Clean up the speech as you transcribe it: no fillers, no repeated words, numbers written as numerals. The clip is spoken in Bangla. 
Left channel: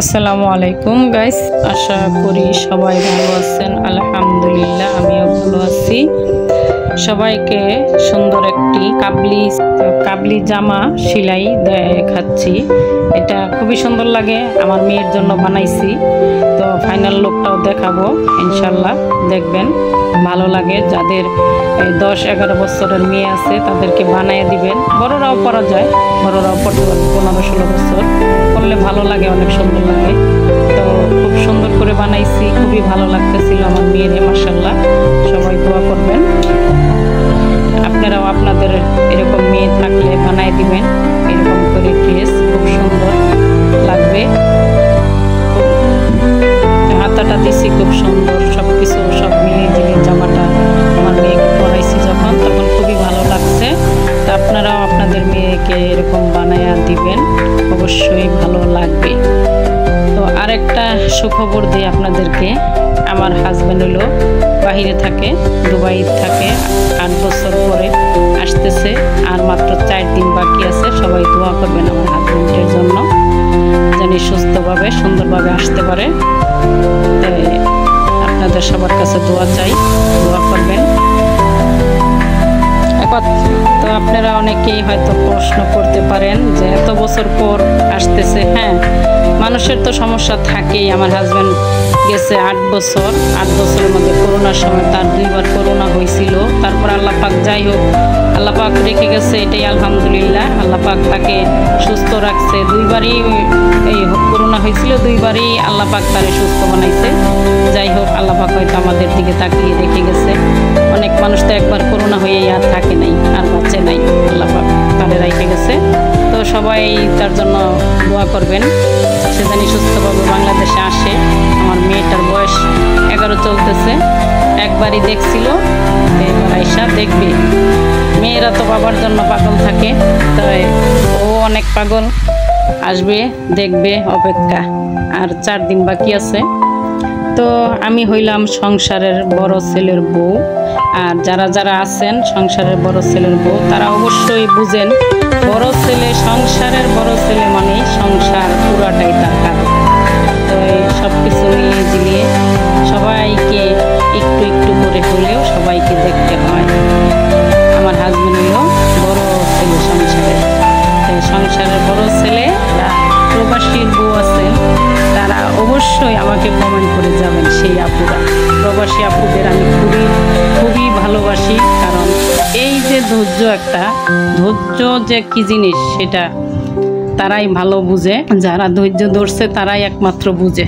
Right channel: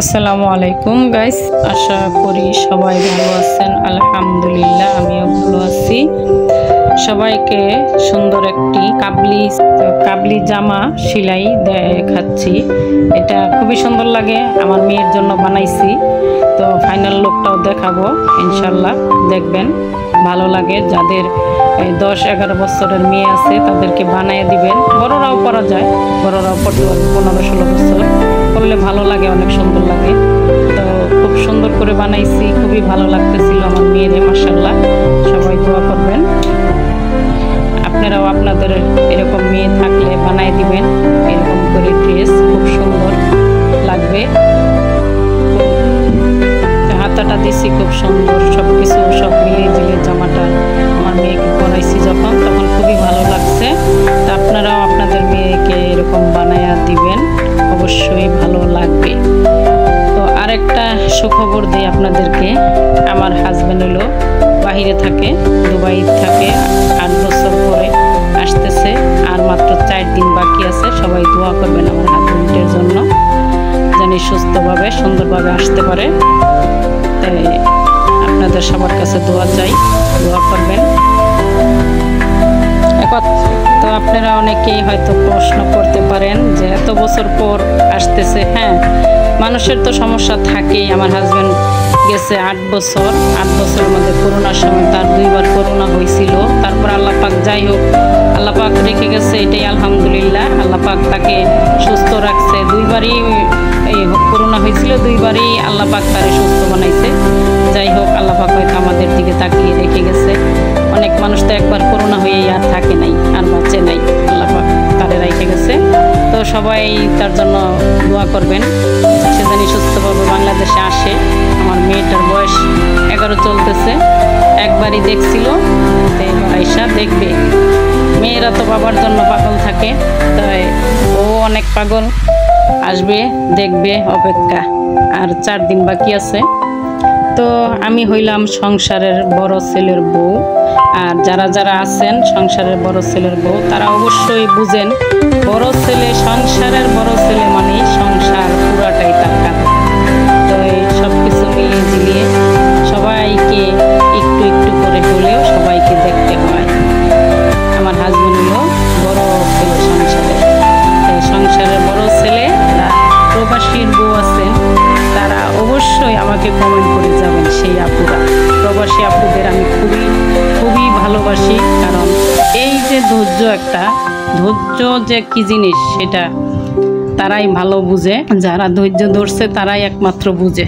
আসসালামু আলাইকুম গাইস, আশা করি সবাই ভালো আছেন। আলহামদুলিল্লাহ আমিও ভালো আছি। সবাইকে সুন্দর একটি কাবলি জামা সেলাই দেখাচ্ছি। এটা খুবই সুন্দর লাগে, আমার মেয়ের জন্য বানাইছি। তো ফাইনাল লুকটাও দেখাবো ইনশাল্লাহ, দেখবেন ভালো লাগে। যাদের 10-11 বছরের মেয়ে আছে তাদেরকে বানিয়ে দিবেন। বড়রাও পরা যায়, বড়রাও পড়তে পারবে। 15-16 বছর করলে ভালো লাগে, অনেক সুন্দর লাগে। তো খুব সুন্দর করে বানাইছি, খুবই ভালো লাগতেছিল আমার মেয়েরে। মাশাআল্লাহ, সবাই দোয়া করবেন। আপনারাও আপনাদের এরকম মেয়ে থাকলে বানাই দিবেন এরকম করে ড্রেস, খুব সুন্দর লাগবে। হাতাটা দিছি খুব সুন্দর, সবকিছু সব মিলিয়ে ঝিলিয়ে জামাটা আমার মেয়েকে পরাইছি যখন, তখন খুবই ভালো লাগছে। তা আপনারাও আপনাদের মেয়েকে এরকম বানায়া দিবেন, অবশ্যই ভালো লাগবে। তো আরেকটা সুখবর দিই আপনাদেরকে। আমার হাজব্যান্ড হলো বাহিরে থাকে, দুবাই থাকে। 8 বছর পরে আসতেছে, আর মাত্র 4 দিন বাকি আছে। সবাই দোয়া করবেন আমার হাজব্যান্ডের জন্য, জানি সুস্থভাবে সুন্দরভাবে আসতে পারে। তাই আপনাদের সবার কাছে দোয়া চাই, দোয়া করবেন। তো আপনারা অনেকেই হয়তো প্রশ্ন করতে পারেন যে এত বছর পর আসতেছে। হ্যাঁ, মানুষের তো সমস্যা থাকেই। আমার হাজব্যান্ড গেছে 8 বছর, 8 বছরের মধ্যে করোনার সময় তার 2বার করোনা হয়েছিল। তারপর আল্লাহ পাক, যাই হোক, আল্লাহ পাক রেখে গেছে, এটাই আলহামদুলিল্লাহ। আল্লাহ পাক তাকে সুস্থ রাখছে। 2বারই এই করোনা হয়েছিল, 2বারই আল্লাহ পাক তারে সুস্থ বানাইছে। যাই হোক, আল্লাহ পাক হয়তো আমাদের দিকে তাকিয়ে রেখে গেছে। অনেক মানুষ তো একবার করোনা হয়েই আর থাকে নাই, আর বাঁচে নাই। আল্লাহ পাক তারে রেখে গেছে। তো সবাই তার জন্য দোয়া করবেন, সে জানি সুস্থভাবে বাংলাদেশে আসে। আমার মেয়েটার বয়স 11 চলতেছে। একবারই দেখছিল, তো এবার আইসা দেখবে। মেয়েরা তো বাবার জন্য পাগল থাকে, তাই ও অনেক পাগল। আসবে, দেখবে, অপেক্ষা। আর 4 দিন বাকি আছে। তো আমি হইলাম সংসারের বড় ছেলের বউ। আর যারা যারা আছেন সংসারের বড় ছেলের বউ, তারা অবশ্যই বুঝেন, বড় ছেলে, সংসারের বড় ছেলে মানে সংসার পুরাটাই তার কাঁধে। তো এই সব কিছু মিলিয়ে ঝিলিয়ে সবাইকে একটু একটু করে হলেও সবাইকে দেখতে হয়। আমার হাজব্যান্ড হলো বড় ছেলে সংসারের। সংসারের বড় ছেলেরা প্রবাসীর বউ আছেন, তারা অবশ্যই আমাকে কমেন্ট করে যাবেন। সেই আপুরা, প্রবাসী আপুদের আমি খুবই খুবই ভালোবাসি। কারণ এই যে ধৈর্য যে কি জিনিস, সেটা তারাই ভালো বুঝে। যারা ধৈর্য ধরছে তারাই একমাত্র বুঝে।